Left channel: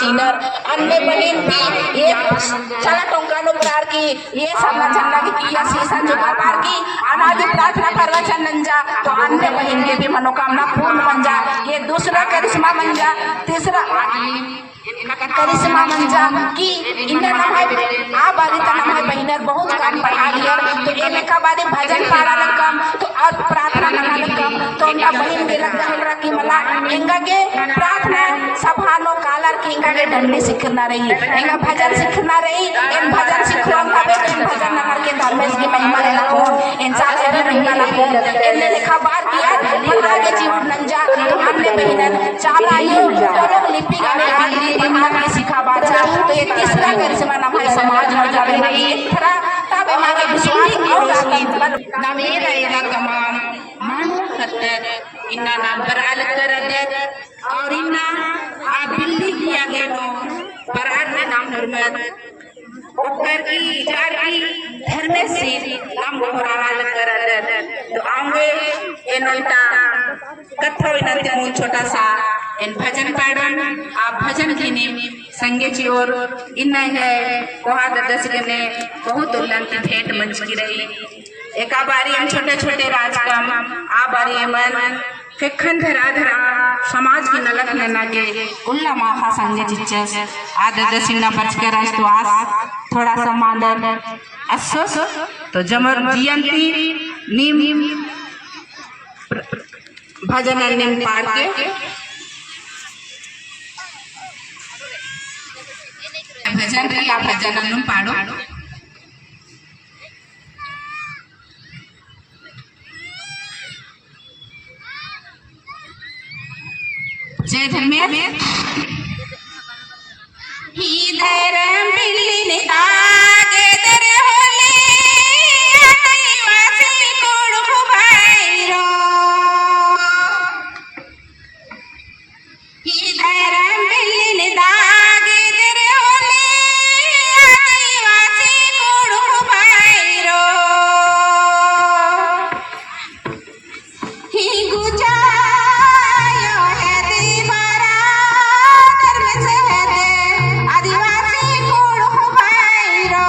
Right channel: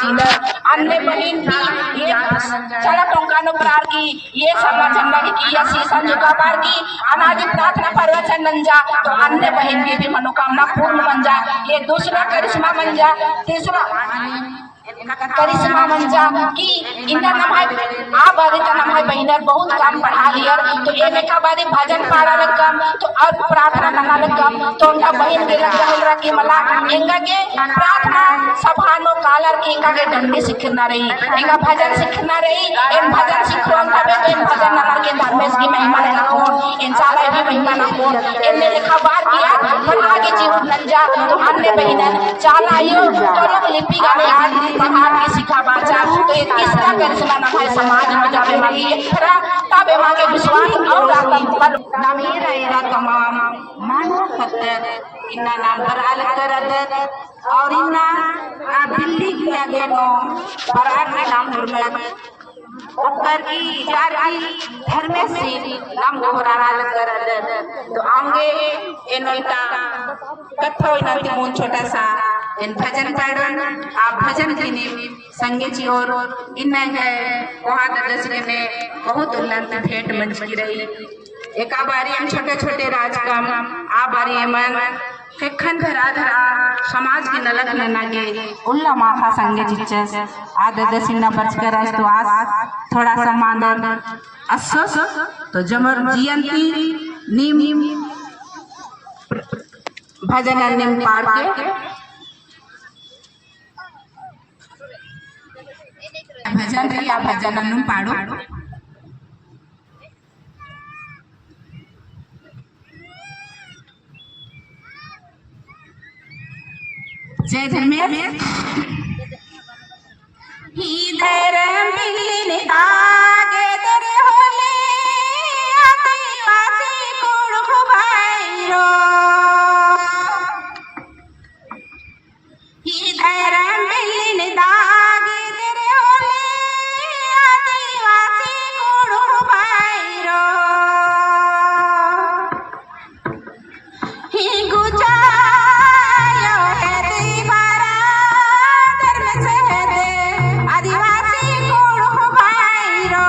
चीनर अन्य बलिन की ये चला टोंकानो प्रार की ये सल्ला झंडा की या शीशा झुका पार की अनादि प्रार्थना परवचन नंजा तो अन्य बहन की भी मनोकामना पूर्ण बन जा। ये दूसरा करिश्मा बन जा। तीसरा करिश्मा मंजा की इनका नाम है आ बारी का नाम है बहिनर बहुत काम पढ़ा लियर तो एमे का बारी भजन पाड़ा लग तो और प्रार्थना करना लग तो उनका बहन के लग रहल की मला इंगा के प्रार्थना सभानो कालर की इंगा के डंडी सीखना रही इंगा भजन सीखना रही इन भजन सीखो तबे तो इन भजन नगर के धर्मेश की महिमा लेना कौन इन साला भी महिमा ना कौन इनने लिखा बार किया पढ़ा के जीवन नंजा तो अन्य बहिनन चालायो तो लोग लिपि गाने आज बाहर की सिखा बाचा तो ये तीसरा करिश्मा नाम है समाज में जब मांगी एक थरा तब मांगे विश्वास और आत्म पर नवीन एरा तमाम मानो सत्य इन्ना नाम बराल कर और इन्ना दिल्ली की आगे नो बराल का नाम हरमत ओकर की चार की धर्मेश सिंह नाम गोहराल कर तो आऊंगे इनोइटा कथो इनते मुन छोटा सा इन भजन पाड़न आप भजन की नी संगे ची और इन है कोहा ददस ने बहुत उल्लंघ भेंट मंच की रही एक बारी हम छोटे छोटे राजकम आ बारी मन कखन धरा धरा समाज की नलक नना के उल्ला माखा संगे चिच्चस आ ददस इन्ना बच कर आज तो आस थोड़ा सा मानन अस्सोस तो जमर जियंती नीम भजन निम पाड़ के भजन रही भजन हम पाड़ो जय धर्मेश इधर मिलने आगे दर होले आदिवासी कुड़ भाईरो इधर मिलने आगे दर होले आदिवासी कुड़ भाईरो ही गुजायो है दीवारा धर्म से आदिवासी कुड़ भाईरो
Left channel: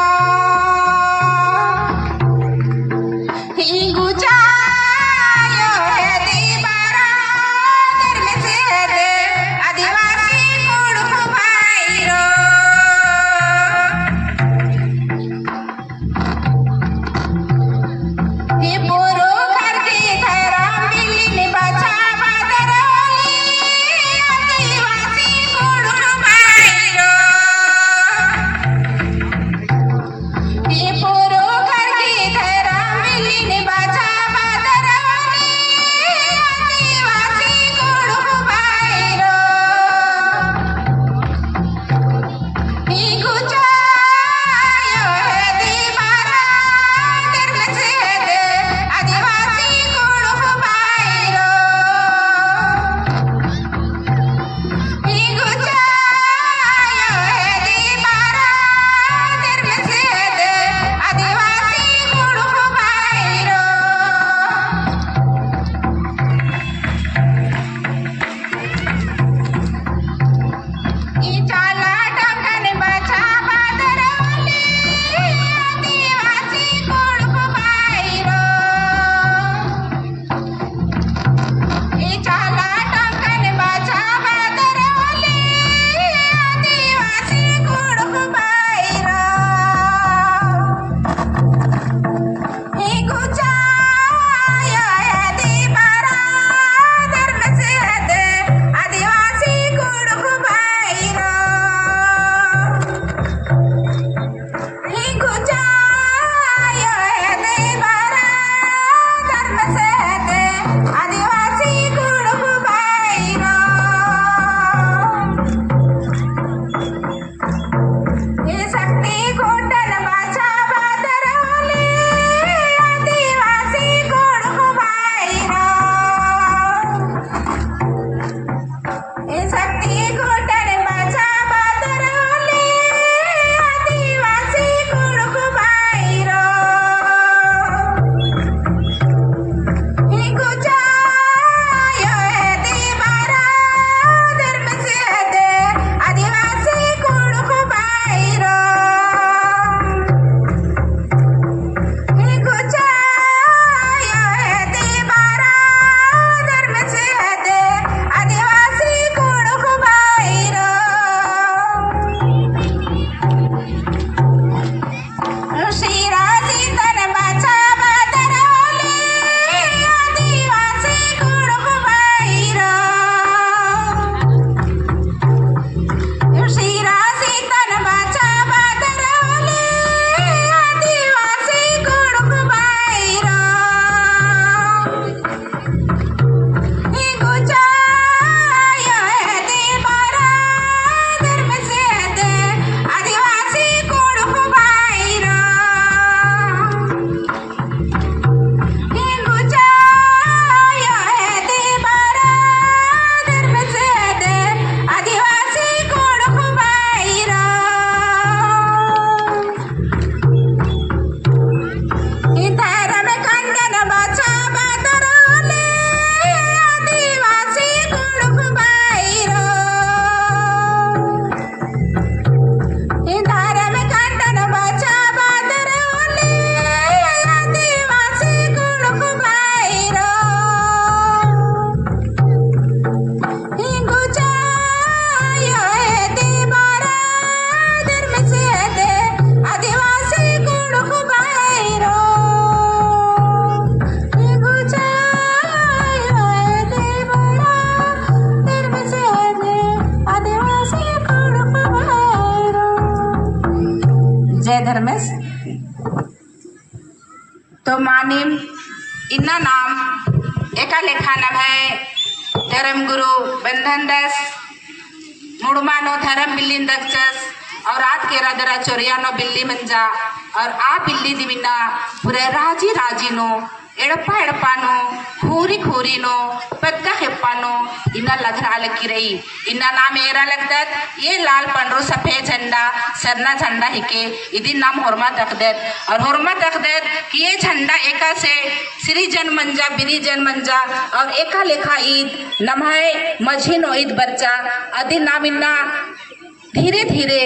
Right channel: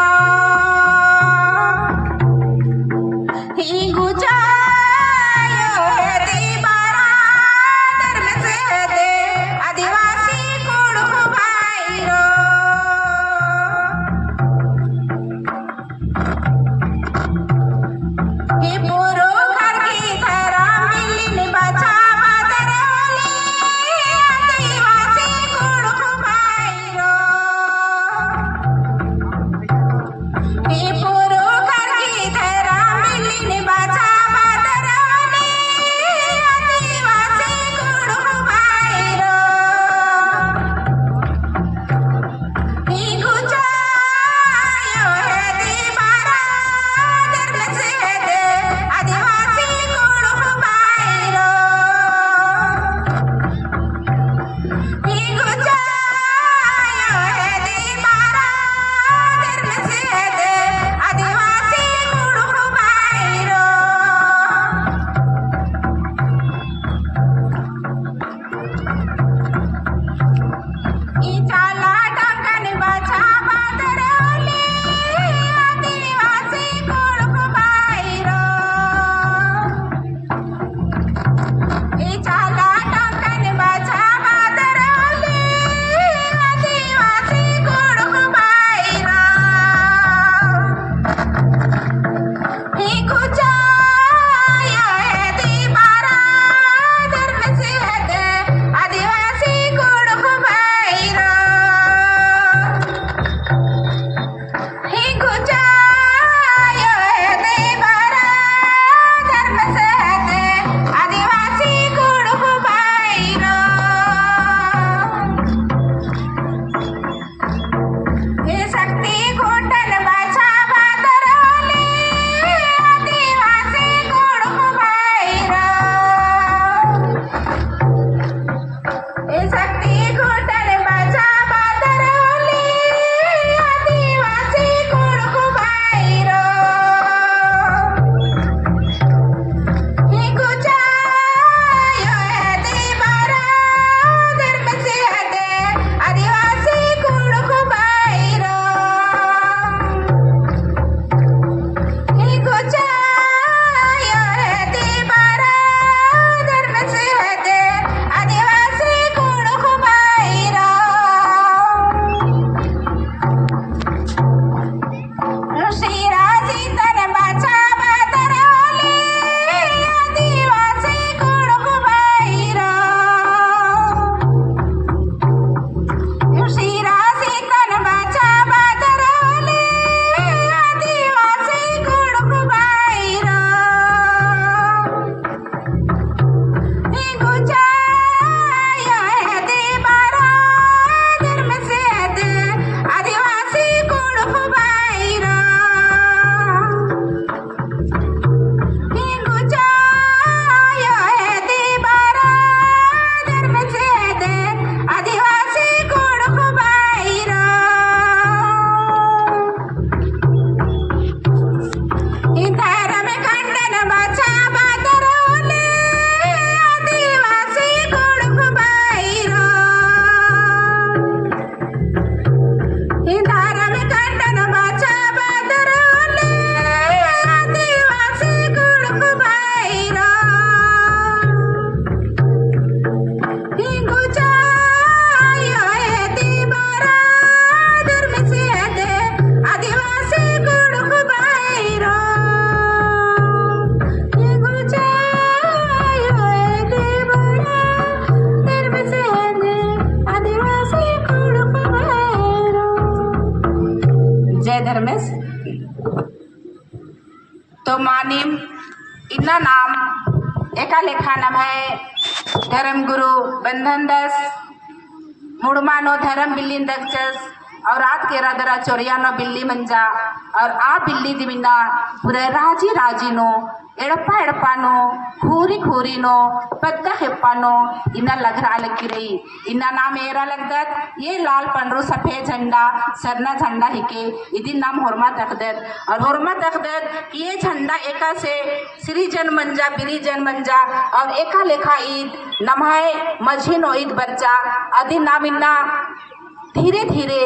तो मानिम इन्ना नाम एका लेखा नाम है धर्म गुरु बंधन दस मुड़मानो धर्म बिल्ली दक्षस और रात के रादरा चोरियानो बिल्ली मंजा और आ बिल्ली दिमिना पूरे राजी राजी नो एड़पा एड़पानो खूरी खूरी नो पद्दा हेप्पानो इन्ना लगरा लगी रही इन्ना नाम एरा लगदत ये लाल पंडरू सफेद झंडा सरना झंडा हिके इदी नाम हुरमा तकदत और हुरमा तकदत कि ये झंडा एका से श्री जन मंजा बिनी जन मंजा और एका लेखा ईद नमाय मझिनो ईद बच्चा अदी नाम इन्ना धीरे धीरे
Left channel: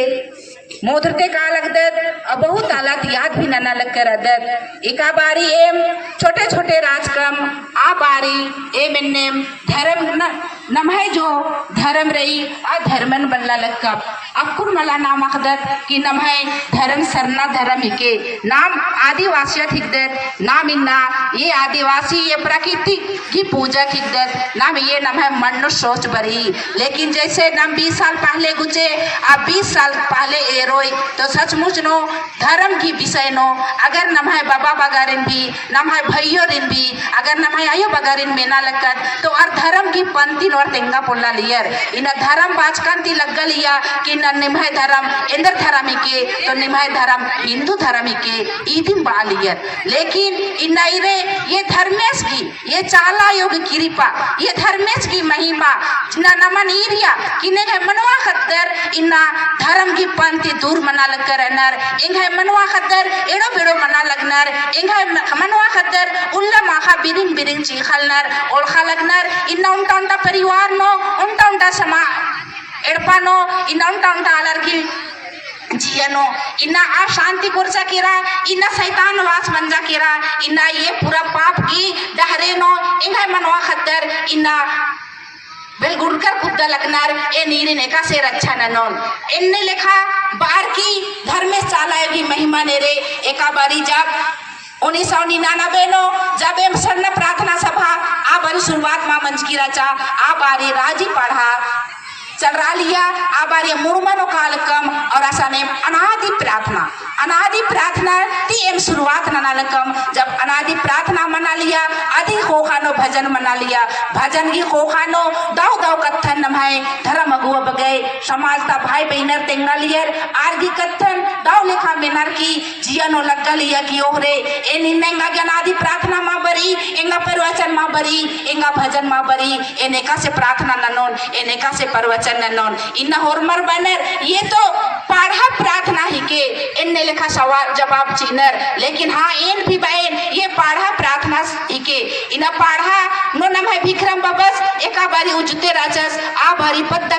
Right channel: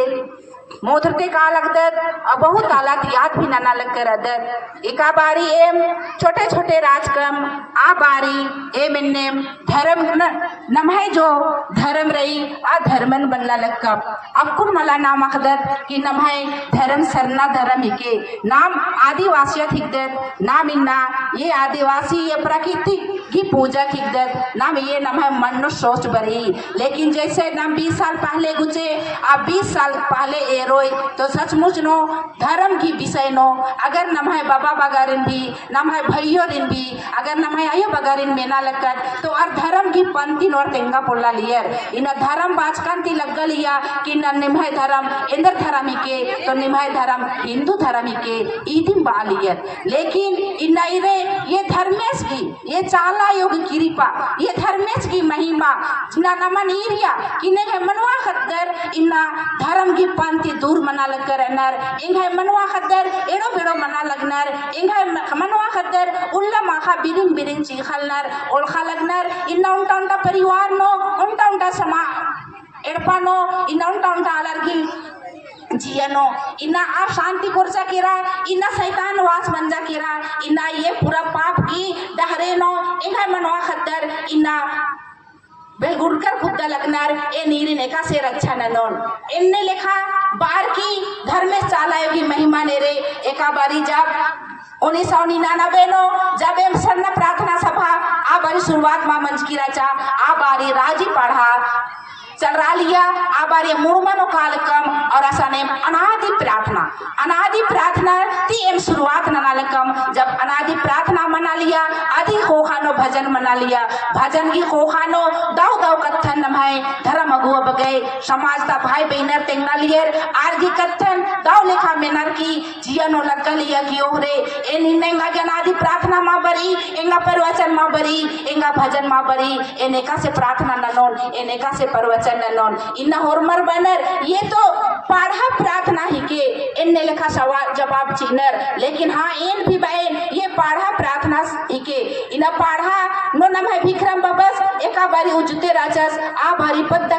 मोधरते का लगदत और बहुत आलात याद भी नना लग कर अदत एका बारी एम छोटे छोटे राजकम आ बारी एम एन्नेम धर्म नमहे जो धर्म रही आ धर्मन बनला लगकब अब कुन मला नाम अखदत कि नमहे धर्म सरना धर्म हिके नाम आदिवासियत हिकदत नाम इन्ना ये आदिवासी ये प्रकृति की पूजा हिकदत नाम ये नमहे मनुष्य सोच बरी लेकिन जैसे नाम 20 साल पहले गुजे अब 20 साल पहले रोई तो सचमुच नो धर्म की विषय नो अगर नमहे बाबा बगारिन भी नमहे भैयो रिन भी अगर नमहे आयो बगारिन मेना लगत तो और धर्म की पंथी और तेंगा पोला लियर इन धर्म बाजकांति लग लिया कि न निमहे धर्म इंद्र धर्म के तो निमहे धर्म हिंदू धर्म के ईदिम बा लियर लेकिन इन ये धर्मेश की ये चाला योग कृपा ये धर्मेश की महिमा न नमन ईरिया कि ने मनवा खतर इन्ना धर्म की पंथी दूर मना लग कर नर इंघे मनवा खतर एड़ो बेड़ो मना लगनर इंघे मनवा खतर उल्ला माखा बिरिन बिरिन चीखल नर ओलखा लगनर इन्ना उंटा उंटा परिवार नो उंटा उंटा समा एड़पा नो इन्ना उंटा उंटा अलर की जियनो इन्ना आप शांति कुर्सा किरा इन्ना शैतान वास मंजा किरा इन्ना ये पूरा पाप की डहरे नो इंघे मनवा खतर इन्ना बेलगुड़कर कुत्ता लगनार ए नीरी नेका से रक्षा ननोन इनने लिखा बार की धर्मेश चालाए की महिमा ने रे एका बारी जब 1999 नो जब एम सन्न प्रार्थना सभा आ बारी शुरुआत मां मंच की रचा आ बारी राजी पढ़ा चल रहा लिया आ बारी मुड़मनो कालकम और असाने अनादि प्रार्थना ती एम शुरुआत ननालकम जब अनादि प्रार्थना मना लिया आदि खोखानो भजन मना लिया भजन की खोखानो दाव दाव कत्थन नमाए धर्म अगुआ बगै समाज ता भाई बहनर तेंगा लियर आरगी कत्थन दाव लेखा बेनर की जियनो लग्गा लिया की ओहरे ए निन्नेंगा अनादि प्रार्थना मा बरी एंगा प्रवचन मा बरी एंगा भजन मा बरी एनेका से प्रार्थना ननोन एनेका से प्रवचन ननोन इन्ना होरमर बनर ये तो पढ़ा प्रार्थना ही के इनने लिखा सवाल जवाब चिन्हर लेकिन हाँ इन भी बहन ये पढ़ा प्रार्थना ही के इना पढ़ा नो नम है विक्रम बबस एका बारी उजते राजस आ बारी पद्दा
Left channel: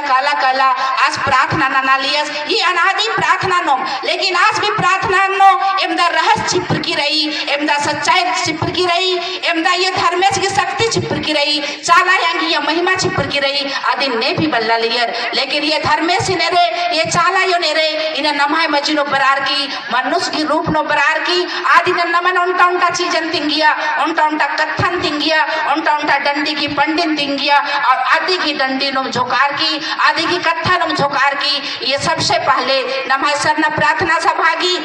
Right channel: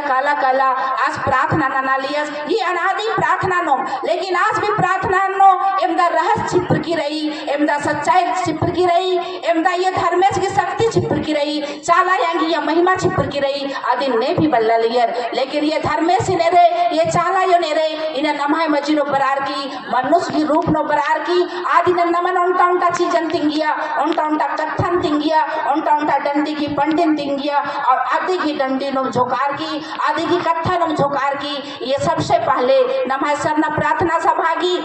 काला काला आज प्रार्थना ना लियस ये अनादि प्रार्थना नो लेकिन आज भी प्रार्थना नो एमदा रहस्य छिपर की रही एमदा सच्चाई छिपर की रही एमदा ये धर्मेश की शक्ति छिपर की रही चाला यांगी ये महिमा छिपर की रही आदि ने भी बल्ला लियर लेकिन ये धर्मेश ने रे ये चाला यो ने रे इन नमाय मजिनो बरार की मनुष्य की रूप नो बरार की आदि न नमन उंटा उंटा चीजन तिंगिया उंटा उंटा कत्थन तिंगिया उंटा उंटा डंडी की पंडिन तिंगिया और आदि की डंडी नुम झोकार की आदि की कत्थन नुम झोकार की ये सबसे पहले नमाय सरना प्रार्थना सभागी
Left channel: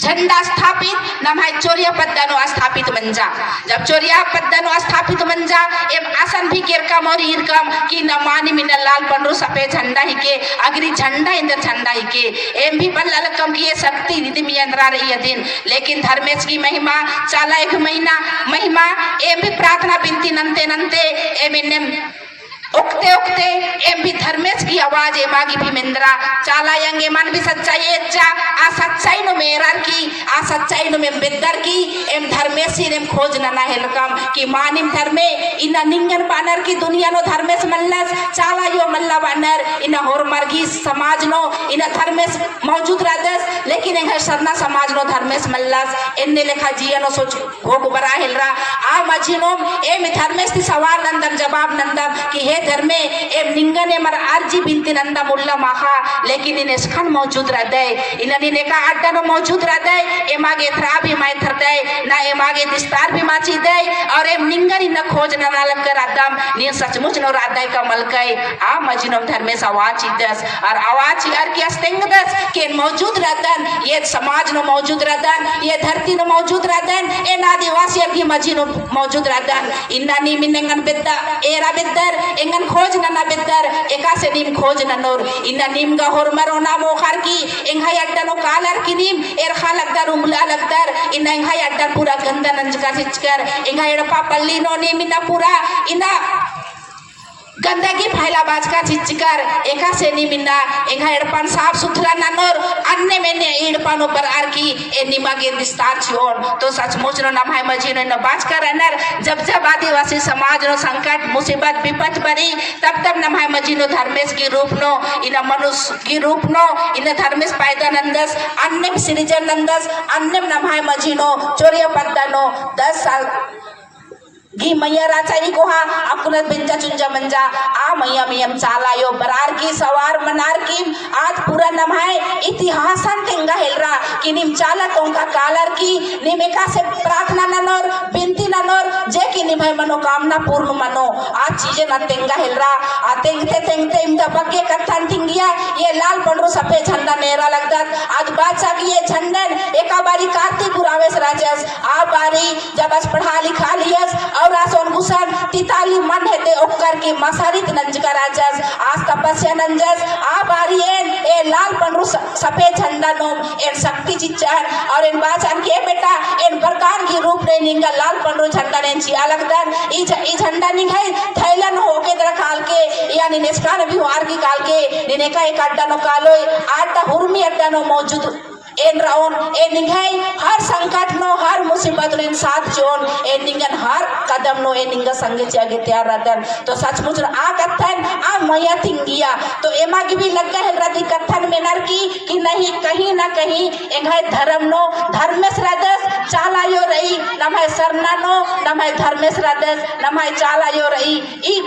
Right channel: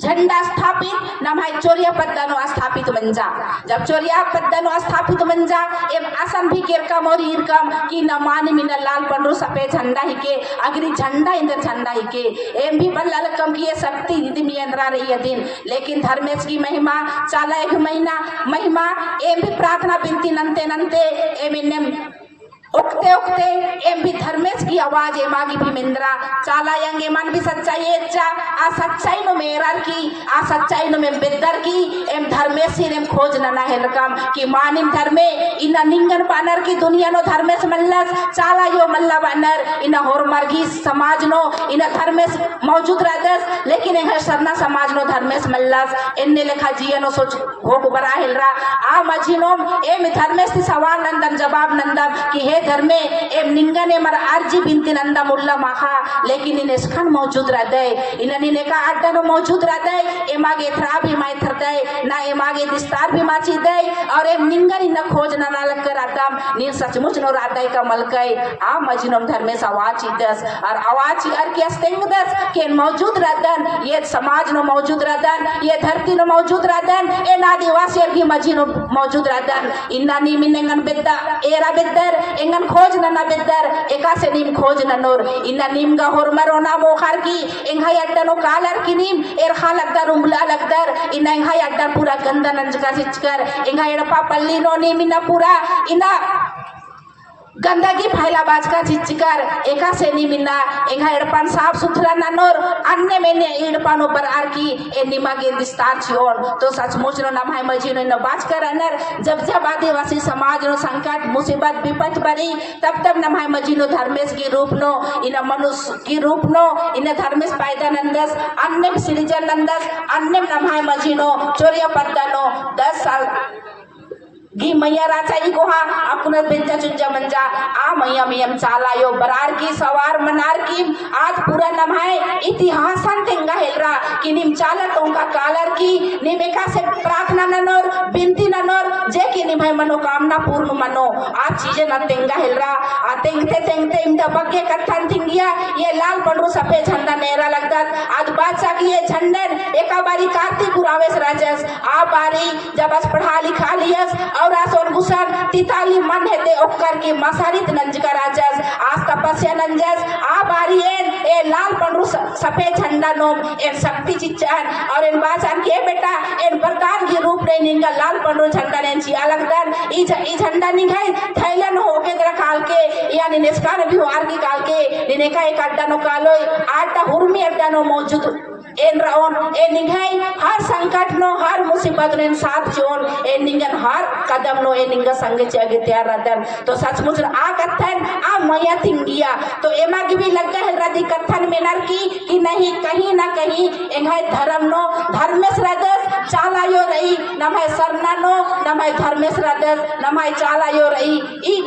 झंडा स्थापित नमाय चोरिया पद्दानो स्थापित मंजा जब चोरिया पद्दानो स्थापित मंजा एम आसन भी किरकम और इरकम की न मानी मिन लाल पंडरू सफेद झंडा ही के अगरी झंडा इंदर झंडा ही के एम भी बल्ला लकम की ये शक्ति रिधि में अंदरा रही है दिन लेकिन धर्मेश की महिमा चाला एक महीना महिमा एम भी प्रार्थना बिनती नंते नंते एम इन्हें उकते उकते एम भी धर्मेश की आवाज एमागी भी मिंद्रा चाला यंगे मन भी सच्चाई एच्चा आ सच्चाई नो मेरार की आ सच्चाई नो में बेदर की एम धर्मेश ने खोज नना हेलकम कि मानिन धर्मे इना निंगन बानर की दुनिया नो धर्मेश मल्लस चाला यो मल्ला बानर इना होर मर्गी समाज नो इना धर्मेश मौजूद रहदस लेकिन है सरना समाज नो धर्मेश मल्लस इन्ने लेखा जिया नो सोच भोग बरा हेलरा आ मझिनो एम धर्मेश की सवाल नंदम जवाब नंदम कि हे ये घर में एम निंगने मर आरजी बिनती नंदा मुल्ला माखा लेकिन इन इसखन मौजूद रहते इन्हें ने का अड्डा नो मौजूद रहते एमागे थरा भी माय थरते ना एमागे दिस्तार भी माची दे और एम निंगन इन खोज न लग कर आदम नी सचमुच नो रात का मलकई आ मजिनम धर्मेश आवाज दस और आवाज यार की अस्तेंग दस के मौजूद रहतन ये समाज नो मौजूद रहतन ये धरती नो मौजूद रहतन ए आदिवासी की मजिनो मौजूद रहतन इन्ना नी मिनेंगन बिद्दा एरा बिद्दर एंगन खोज न बिद्दर एका से नीम खोज न नोर इन्ना नीम गा होरमरो ना मोखर की एंगा अड्डा नो कालर की नीम एर खा लगदर उमला लगदर इन्ना एंगा अड्डा पूरा गंदा नंजका सिचकर एंगा एड़पा पल्ली नो नीम इन्ना पूरा इन्ना गंदगी फैला बाजका चिचकर एका से नी मिन्ना एंगा एड़पन साफ सुथरा ननोर अन्य में ने एड़पन ऊपर आर की ए निमा के विस्तार छियोन तो सचमुच नो नम है मजीनो न बाजकर अनर जब जब आदिवासी समाज नो संकट मुसीबत विपत बरी तब तब नम है मजीनो धर्मेश की रूप नो इन मनुष्य की रूप नो इन धर्मेश पैदा नंदस अन्य सृजन नंदस अन्य नम है मजीनो चोरिया पत्ता नो 10 साल गी मैया राचाई को हाँ अपना बिंजा चुंजा मंजा आ मैया मियम चालायो बरार की सवार मनार की आज पूरा नमाए इतिहासन तेंगा हेलरा कि निम चाला तोंगा कालर की निमेका से प्रार्थना ननोर बिनती ननोर जे की निभाई मनोकामना पूर्ण मनो आज चीजें न तेंगा हेलरा आ तेंगते तेंगते इमदा बग्गे कत्थन थिंगिया ये लाल पंडरू सफेद झंडा नेरा लगता आज बादशाह की ये झंडन एका बारी कार्तिक गुरावेश राजस आ बारी जब अस पढ़ा लिखा लियस और आसोन गुसन तिताली मन हेते ओकर के मसारित नंजका राजस आज तपस्या नंजस आ बारियन ए लाल पंडरू सफेद झंडा नोम एन शक्ति चिच्चन और इन बाचन के बेटा इन वरदान की रूप ने निंगा लाल पंडरू झंडा ने चिया लगदन ई झंडा निघाई थैलन होके दर काल के यानी निष्कान भी वार की काल के निने का एक अड्डा नो कालोय आटा हुरमी अड्डा नो मौजूद एन राउन ए निघाई हर संकट नो हर मुसीबत नो साथ zone A निंगन her Kadam no ए निंगा संगे चगे तैयार रहतन तो सचमुच आ कथन आ मैया थिंगिया तो एमा की भी लग है रदी कथन में नर की कि नहीं कहीं ना कहीं एंगाय धर्म नो धर्मेश रदस चालायो रही नमय सरना नो नमय धर्मेश रदस नमय चालायो रही ई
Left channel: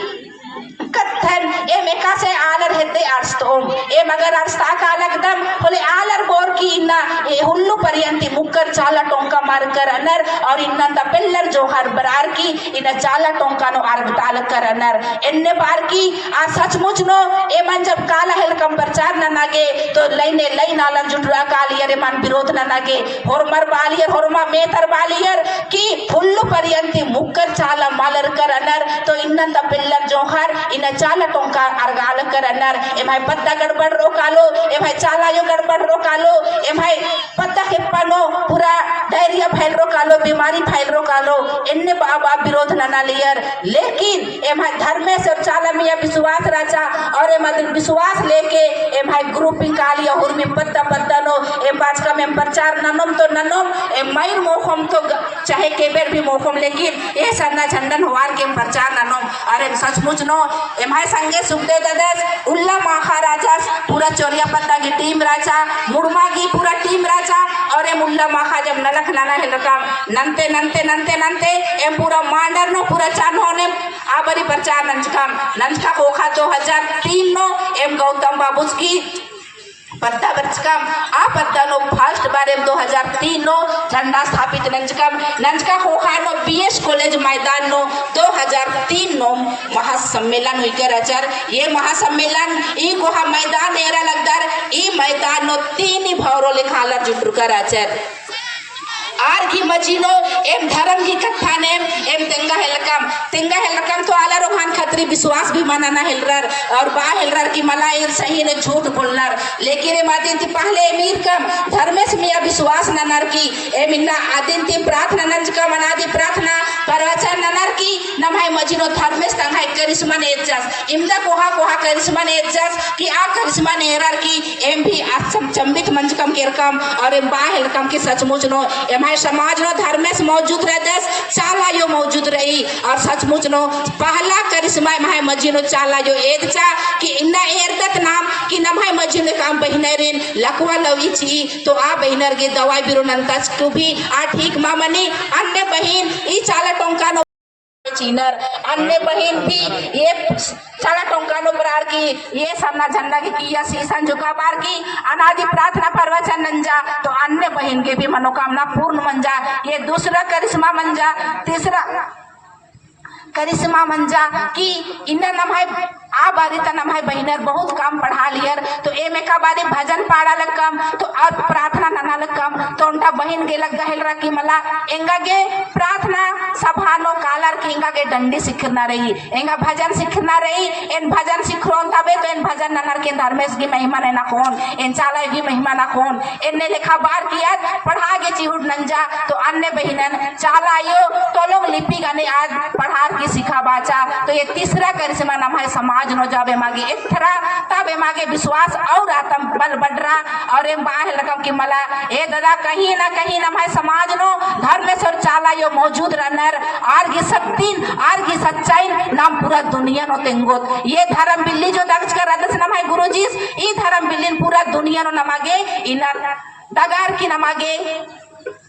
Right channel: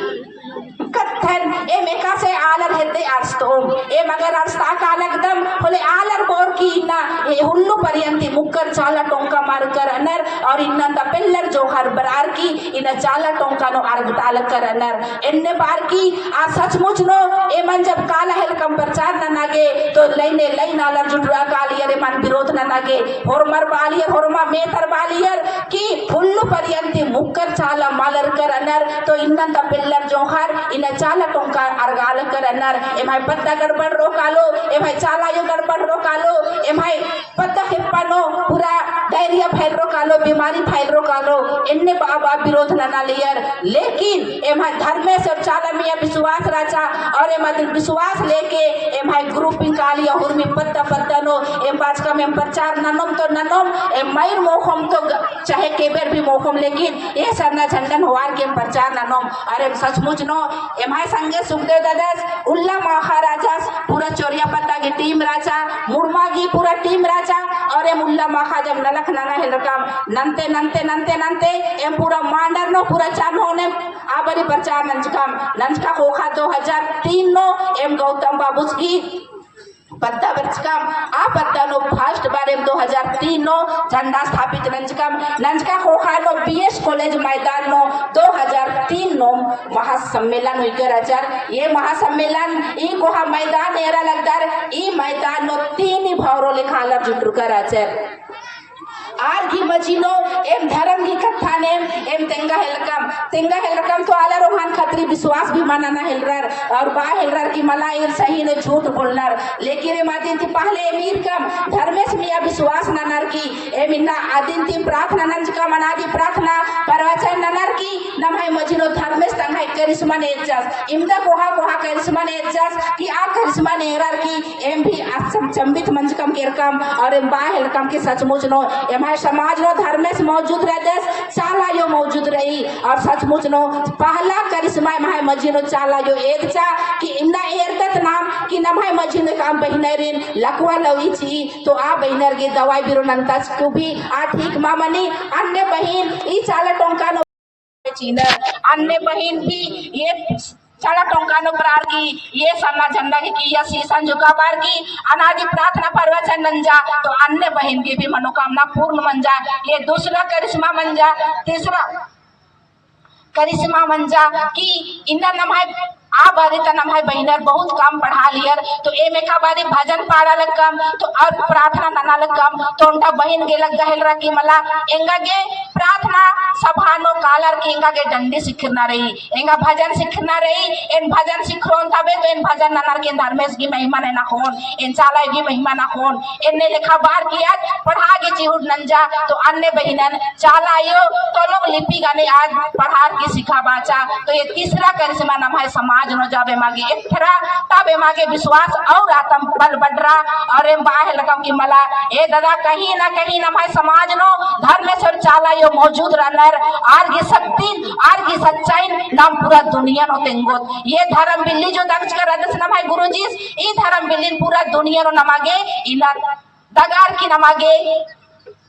कथन ए मेका से आलर हेते आर्स्तोम ए मगर आर्स्ता का लगदम बोले आलर बोर की ना ए हुल्लु पर्यंती मुक्कर चाला टोंका मार कर अनर और इन्नंद पिल्लर जो हर बरार की इन चाला टोंका नो अर्गताल कर अनर इन्ने बार की आ सचमुच नो ए मन जब काला हेल कम प्रचार न नागे तो लईने लई नालर जुटरा कालियर मन विरोध न नागे होरमर बालियर होरमा मेथर बालियर की हुल्लु पर्यंती मुक्कर चाला मालर कर अनर तो इन्नंद पिल्लर जो हर इन चाला टोंका अर्गाल कर अनर ए भाई पत्ता गड़बड़ रोकालो ए भाई चाला यो गड़बड़ रोकालो ए भाई पत्ता के पनो पूरा डायरिया फैल रोकालो बीमारी फैल रोकालो इन्ने बाबा विरोध न लियर लेकिन ए भाई धर्मेश और चाला मिया विश्वास राजा और ए मतलब विश्वास लेके ए भाई ग्रुपिंग कालिया हुरमी पत्ता पत्ता नो ए बाज का में प्रचार ननम तो ननम ए माइन मोखम तो चाहे केबेर भी मोखम लेकिन ए सरना झंडन होवार के प्रचार ननम अरे सचमुच नो एमाय संगे सुखदेव दादास उल्ला महाराजास पूरा चोरिया पत्ता की टीम राजा मुर्मा की पूरा टीम राजा और ए मुल्ला माखा जब नलख लाना है रकम नंते नंते नंते नंते एम पूरा मांडर नो पूरा चान होने आबरी प्रचार नंजका खोखा 2003 नो एम गौतम बाबूस की पत्ता बचकम आ पत्ता नो फर्स्ट बार एम 2003 नो झंडा स्थापित नंजका खोखा नो बीएस कॉलेज मैदान नो 2003 नो महासम्मेलन हुई कर अचर ये महासम्मेलन ई कोहा मैदान एरा लगदर ई मैदान नो 3 ही भौरो लिखालर जुटू कर अचर आर की मजीनो एम धर्म की कथा ने एम तेंगा हेलकम तो आला रोहान खतरी विश्वास भी मानना हेलरर और बा हेलरर की मलाइर सही ने झूठ बोलनर लेकिन ए मादिन ती पहले एमीर कम धर्मेश मिया विश्वास ननर की एम इन्ना आदिन ती प्रार्थना नंज का मनादी प्रार्थना परवचन ननर की नमहाय मजीनो धर्मेश तंगाय करिश्मा ने एजस इमदा कोहा करिश्मा ने एजस की आ करिश्मा ने एरर की एम भी आसम चंबित मंज कम केरकम और एम बा हेलकम के सचमुच नो एम समाज नो धर्मेश मौजूद रह दस चाला यो मौजूद रही और सचमुच नो पहला करिश्मा माय मजीनो चाला यो एदचा कि इन्ना एरदत नाम कि नमाय मजीनो काम बहिनरिन लकवा लवीची तो आ बहिनर के दवाई बिरो नंतस तो भी आ ठीक मामनी अन्य बहिन ई चाला टोंका नो चीनर अन्य बहिन भी ये चला टोंकानो प्रार की ये सामना झंडा की किया शीशन झुका बार की अनादि प्रार्थना परवचन नंजा तो अन्य बहन की भी मनोकामना पूर्ण मन जा। ये दूसरा करिश्मा मन जा। तीसरा करिश्मा मंजा कि इन्ना नमाय आ बारी त नमाय बहिनर बहुत काम पढ़ा लियर तो ए में का बारी भजन पाड़ा लग कम तो और प्रार्थना नना लग कम तो उनका बहन गे लग गहल रहा कि मला एंगा गे प्रार्थना सभानो कालर के एंगा गे डंडी सिखना रही एंगा भजन सिखना रही इन भजन सिखरोन तबे तो इन भजन ननर के धर्मेश की महिमा ने ना कौन इन चाला की महिमा ना कौन इनने लिखा बार किया पढ़ा गे चिहुट नंजा तो अन्य बहिनन चाला यो तो लोग लिपि गाने आज पढ़ा की सिखा बाचा तो ये तीसरा करिश्मा नाम है समाज नो जाबे मागे इथरा तबे मागे विश्वास और आत्म बल बढ़रा और एम बाहर लगम कि मला ए दादा कहीं ना है समाज नो धर्मेश्वर चाला यो मौजूद रहनर आर की शक्ति आर की सच्चाई नाम पूरा दुनिया नो तेंगोत ये धर्म बिल्ली जो दर्ज कर रहा नाम है गुरुजी ई धर्म बिल्ली पूरा दुनिया नो नमागे इना दगार की नमागे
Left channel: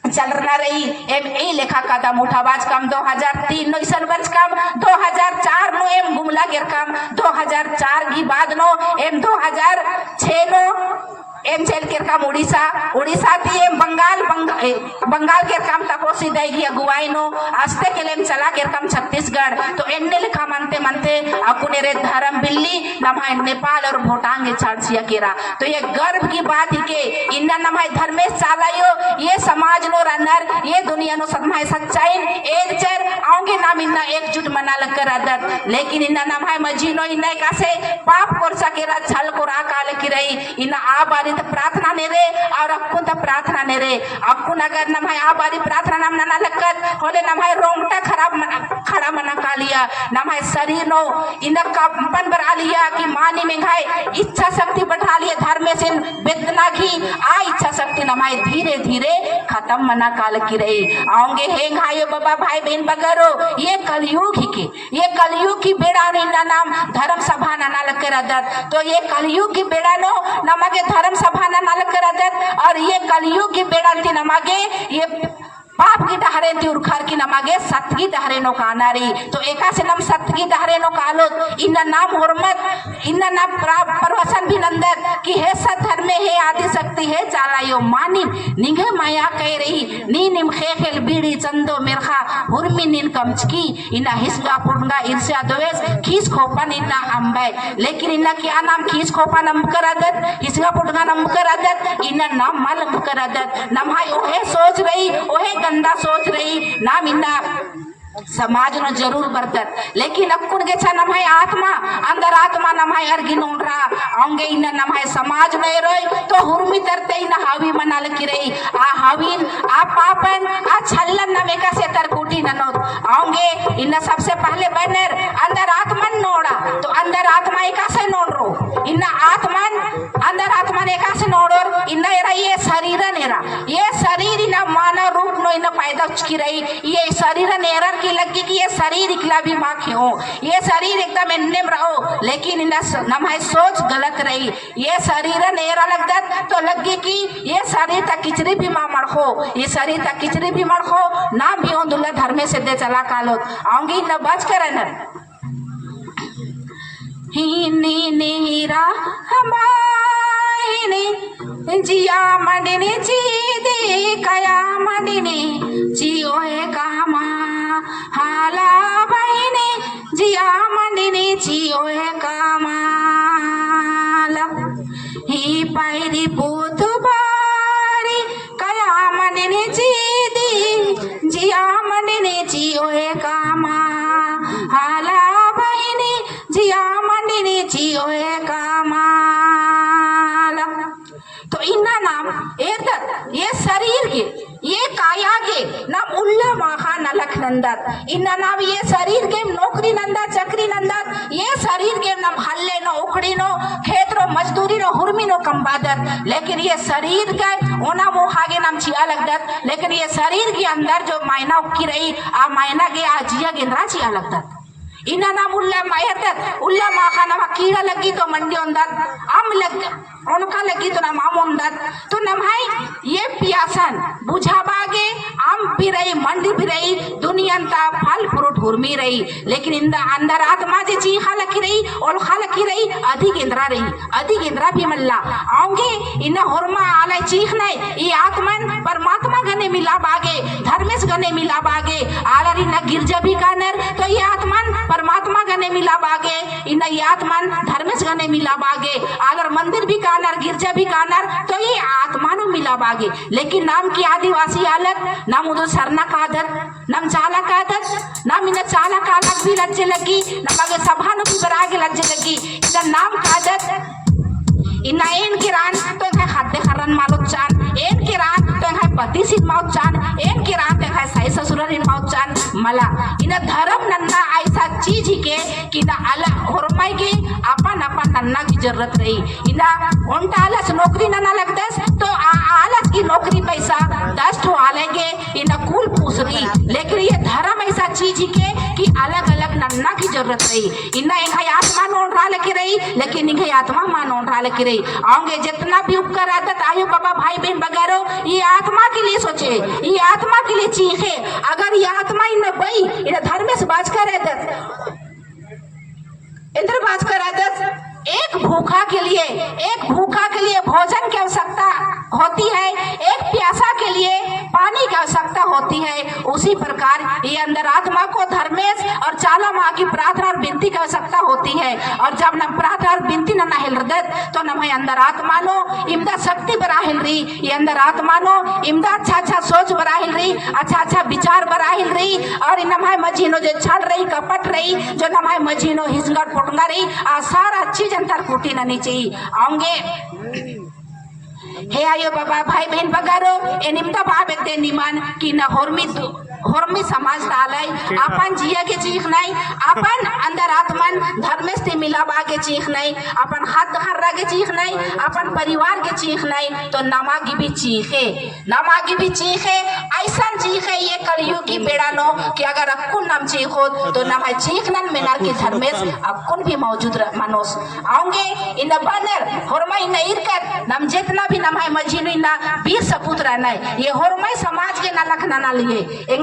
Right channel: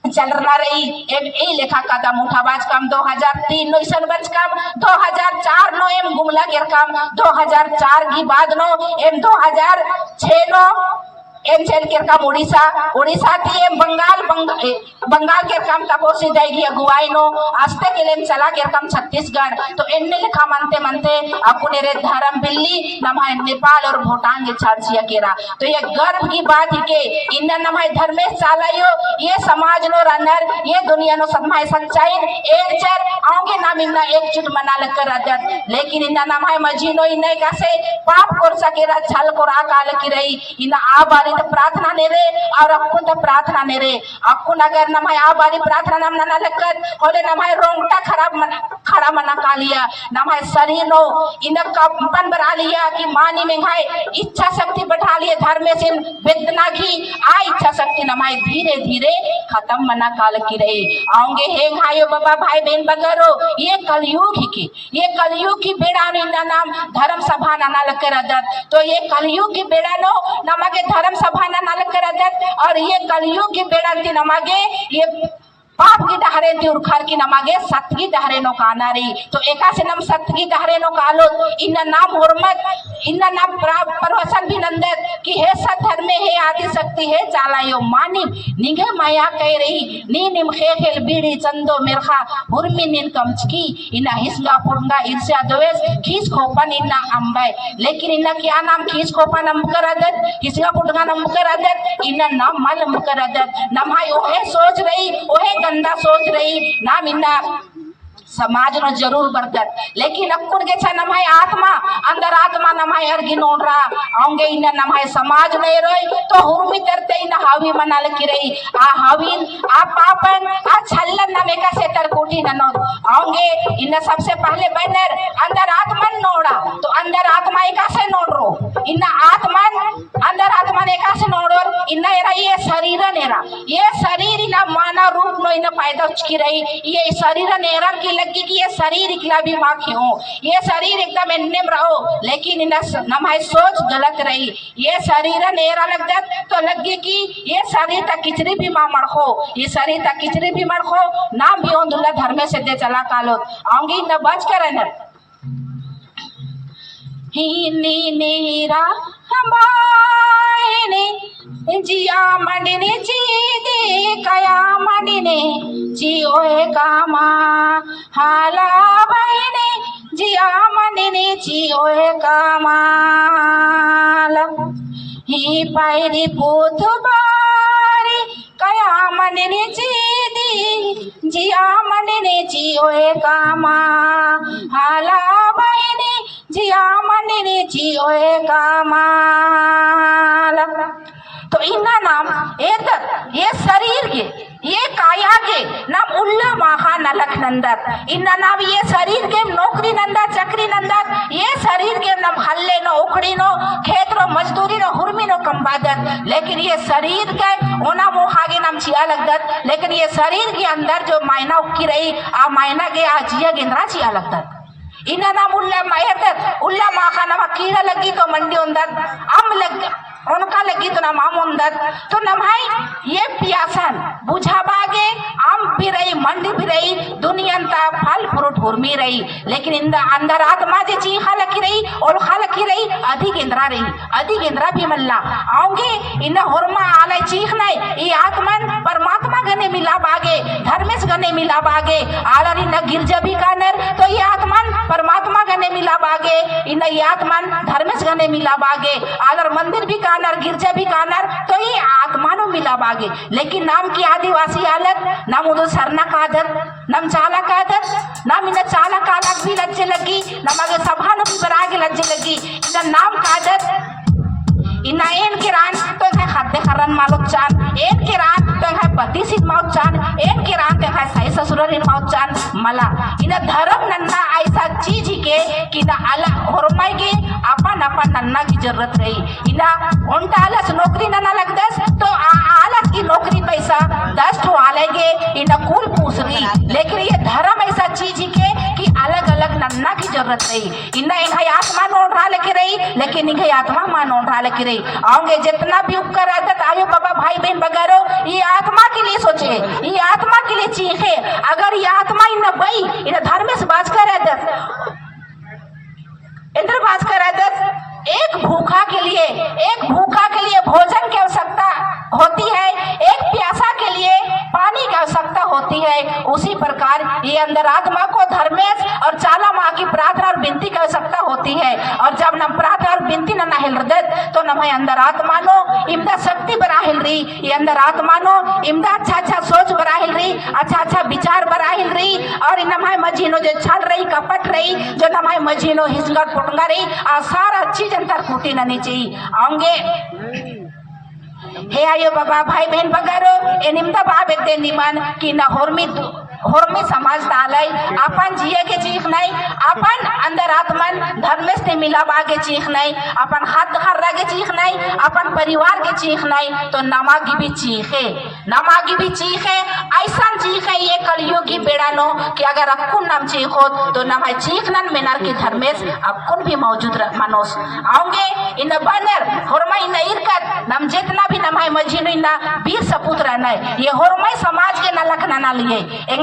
चल रहा रही एम ए लेखा कदम उठावाज कम 2003 नो ईसन वर्ष कम 2004 नो एम गुमला गिर कम 2004 की बाद नो एम 2006 नो एम चल के काम उड़ीसा थी एम बंगाल के काम तपोसी देगी अगुवाई नो आस्ते के लिए चला के काम छत्तीसगढ़ तो इनने लिखा मनते अपने रे धर्म बिल्ली नमाय नेपाल और भूटान के छाड़सिया केरा तो ये गर्व की बात ही के इन्ना नमाय धर्मेश चालायो ये समाज नो रनर ये दुनिया नो सदमाय सच्चाई एक चर आऊंगे नाम इन्ना एकजुट मना लग कर अदत लेकिन इन्ना नमाय मजीनो इन्ने कैसे पाप कोरसा केरा छल को राकाल की रही इन्ना आ बारी तो प्रार्थना ने रे और अक्कुन तो प्रार्थना ने रे अक्कुन अगर नमाय आ बारी प्रार्थना नाम ना लगत होले नमाय रोंगटा खड़ा मना का लिया नमाय शरीर नो इनक कंपन बढ़ा लिया कि मानी में घाय इच्छा शक्ति बढ़ा लिए धर्म में से वेदना की आ इच्छा शक्ति नमाय धीरे धीरे खत्म मना काल की रही आऊंगे हे घायो बाबा भाई बहन बगरो ये कलयुग की बेड़ा इन्ना नाम धर्म सभा ना लग कर अदत तो ये कलयुग की बेड़ा नो नमागे धर्म सभा ना लग कर अदत और ये कलयुग की बेड़ा थी नमागे ये पाप की डहरे थी उर्खर की नमागे सत्य की डहरे नो कानारी तो एका से नम सत्य की डहरे नो कालो इन्ना नाम हुर्मत इन्ना नाम परवसन भी नंदत कि हे सत धर्म में हे आदि शक्ति है चालायो मानिम निगे माया कह रही नी निम खेल बीड़ी चंदो मिरखा हुर्मी निन कमचकी इन्ना हिस्गा पुरंगा ईर्ष्या द्वेष खीस खोपन इन्ना अंबे लेकिन इन्ना क्या नाम खीस खोपन नम कर आदत हिस्गा पुरंगा नम कर आदत इन्ना नाम मल नम कर आदत नमाई ओहे सोच रही ओहे गंदा सोच रही नाम इन्ना समाज न जरूर बरतत लेकिन अक्कुन के छा नमाय आत्मा अंदर आत्मा नमाय अर्गी नोड रहा आऊंगे इन नमाय समाज नहीं रोई तो हुर्मी तरते इन हावी मनाल की रही आ हावीन आ पापन आ छल्लन नमे का से तरकोटी ननोद आऊंगे इन सबसे पहले बैनर अंदर आत्मन नोड़ा तो अंदर आत्मा एका से नोड रो इन आत्मन अंदर आत्मा ने एका से नोडोर इन एरा ये शरीर नेरा ये शरीर इन मानव रूप नो इन पैदा की रही ये शरीर नेरा की लगी कि ये शरीर इकला भी माँ क्यों ये शरीर एकदम निम रहो लेकिन इन नमाय सोच गलत रही ये शरीर नेरा लगता तो लगे कि ये शरीर तक किचरी भी माँ मड़खो ये शरीर तक किचरी भी मड़खो नाम भी दुल्ला धर्मे से दे चला कालो आऊंगी न बच कर न ही नीरा हमारे जिया मडिने जी दे कया मडिने जियो है कामा हाला बहिने जिया मडिने जियो है कामाला ही पायरी पोत बारी कया मडिने जी दी जिया मडिने जियो है कामा हाला बहिने जिया मडिने जियो है कामाला तो इन्ना नाम ये शरीर के ये काया के नाम उल्ला माखा नलक नंदत इन्ना नाम ये शरीर के नौकरी नंदत चक्री नंदत ये शरीर के नाम हल्ले नो उखड़ी नो खेत रो मजदूरी नो हुर्मी नो कम्बादत लेकिन ये शरीर के ओना मोहागे नाम चिया लगदत लेकिन ये शरीर के अंदर जो मायना उक्की रही आ मायना के आजिया गेंद्रा चिया लगदत इन्ना नाम उल्ला मायरदत उल्ला माखा नाम कीड़ा लगी तो मंडी उंदत आम लग उनका लगी तो नाम आम उंदत तो नमाई ये प्यासन बुझाबागे आम भी रही मंडी भी रही दुनिया फल फ्रूट हुरमी रही लेकिन अंदर आत्मा जे चीज खालकी रही और खालकी रही अधिक इंद्रा भी मल्ला आऊंगे इन हुरमा आले चीख नहीं ये आत्मन परमात्मा गने मिला बागे धर्मेश गने मिला बागे आलर इन गिरजा भी कानर तो ये आत्मन परमात्मा गने मिला बागे इन ये आत्मन धर्मेश गने मिला बागे आलर मंदिर भी कानर गिरजा भी कानर तो ये आत्मानो मिला बागे लेकिन नाम की आदिवासी हालत नाम उदो सरना का आदत नम चाला का आदत नाम इन चाला का अलग भी लज्जे लगी नम आगे सभानो भी बरागे लज्जे लगी इन नाम का आदत इना एन किरान तो खाद्य खरन मालूक चान एन किरान तो पति सिद्ध माउक चान एन किरान तो सही ससुर माउक चान मला इन धर्म नन्ना ऐसा चीज के कि ना अला होरमाई के अपन नन्ना की जरूरत रही इना उनका आलस नौकरी नन्ना लगदस तो आलस की नौकरी पैसा 10 ठो आलेगे इन कुल पूछ रही लेकिन ये धर्म ऐसा चीज के कि अलग अलग नन्ना की जरूरत रही इन्ना इन्हें आत्मा नोट रहा लेके रही लेकिन इन्हें आत्मा मान नोट रहा लेके रही आऊंगे जितना भी उपकर आदत आयो बाबा भाई बहन वगैरह ये आत्मा के लिए सोचे ये आत्मा के लिए चीखे अगर ये आत्मा इन बई इन धर्म से बाज कर आदत इंद्र बाज कर आदत एक भूखा के लिए भोजन की आवश्यकता होती है एक प्यासा के लिए पानी की आवश्यकता होती है उसी प्रकार ये अंदर आत्मा को धर्मेश और चाला माँ की प्रार्थना और विनती की आवश्यकता होती है और जब नम प्रार्थना और विनती न हिलदत तो नम अंदर आत्मानो इमदा शक्ति बरा हिल रही ये अंदर आत्मानो इमदा अच्छा सोच बरा हिल रही अच्छा विचार बरा हिल रही और नमाय मजीनो जो छड़ रही कपट रही जो नमाय मजीनो हिसंगा पुटंगा रही सारा चीज अंतर फूटी नहीं चाहिए आऊंगे हे आयो बाबा भाई बहन बगारो एनिमदा बाबे ते निमान कि ना होरमी समाज डालाई अपन जिया के चीख नहीं अपन अंदर आत्मन धर्मेश से मिला बागे चीख नहीं अपन हाथ हर्रा के चीख नहीं अपन परिवार के चीख नहीं तो नमागी भी चीखे ऐसा चीखे ये कलयुग की बेड़ानो कि अगर अक्कुन नाम चीखो तो नमाय चीखनन मिनार की धर्मेश अक्कुन भी मौजूद मनोस आऊंगे इन बनर होरमा इन इरकत नम जितना भी नमाय मजीनो इन वीर सपूत रहना है ये होरमाई समाज के न लखना ना लिए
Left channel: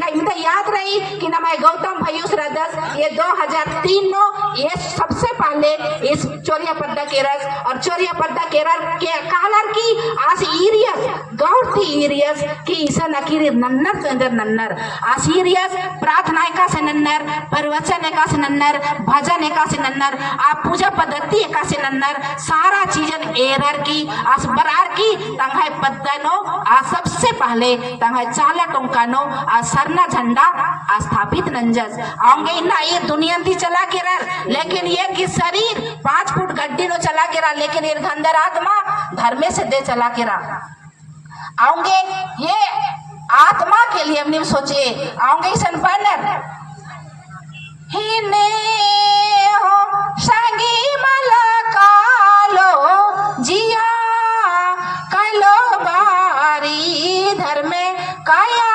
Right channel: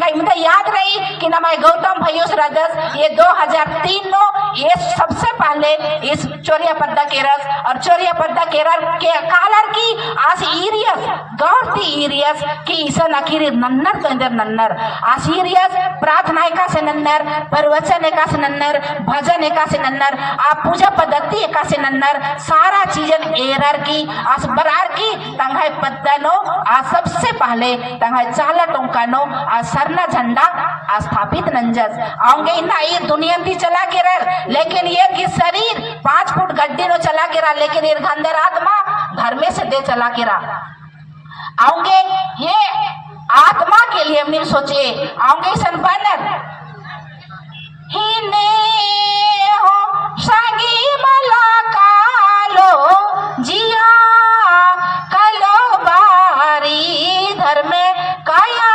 मुझे याद रही कि नमाय गौतम भैयुस रदस ये 2003 नो ये सबसे पहले इस चोरिया पद्दा केरस और चोरिया पद्दा केरल के कालर की आस इरियस गौरती इरियस की ईसा नकीर नन्नर तो इंदर नन्नर आस इरियस प्रार्थना का से नन्नर प्रवचन का से नन्नर भजन का से नन्नर आप पूजा पद्धति का से नन्नर सारा चीजन एरर की आस बरार की तंगाई पद्दनो आ सबसे पहले तंगाई चाला टोंकानो आ सरना झंडा स्थापित नंजस आऊंगे इन्ना ये दुनिया थी चला के रह लेकिन ये की शरीर 5 फुट गड्डी नो चला के रहा लेकिन ये अंदर आत्मा धर्मे से दे चला के रहा आऊंगे ये आत्मा के लिए हमने सोचे आऊंगे सन बनर ही ने हो संगी मला कालो जिया कलो बारी धर्मे काया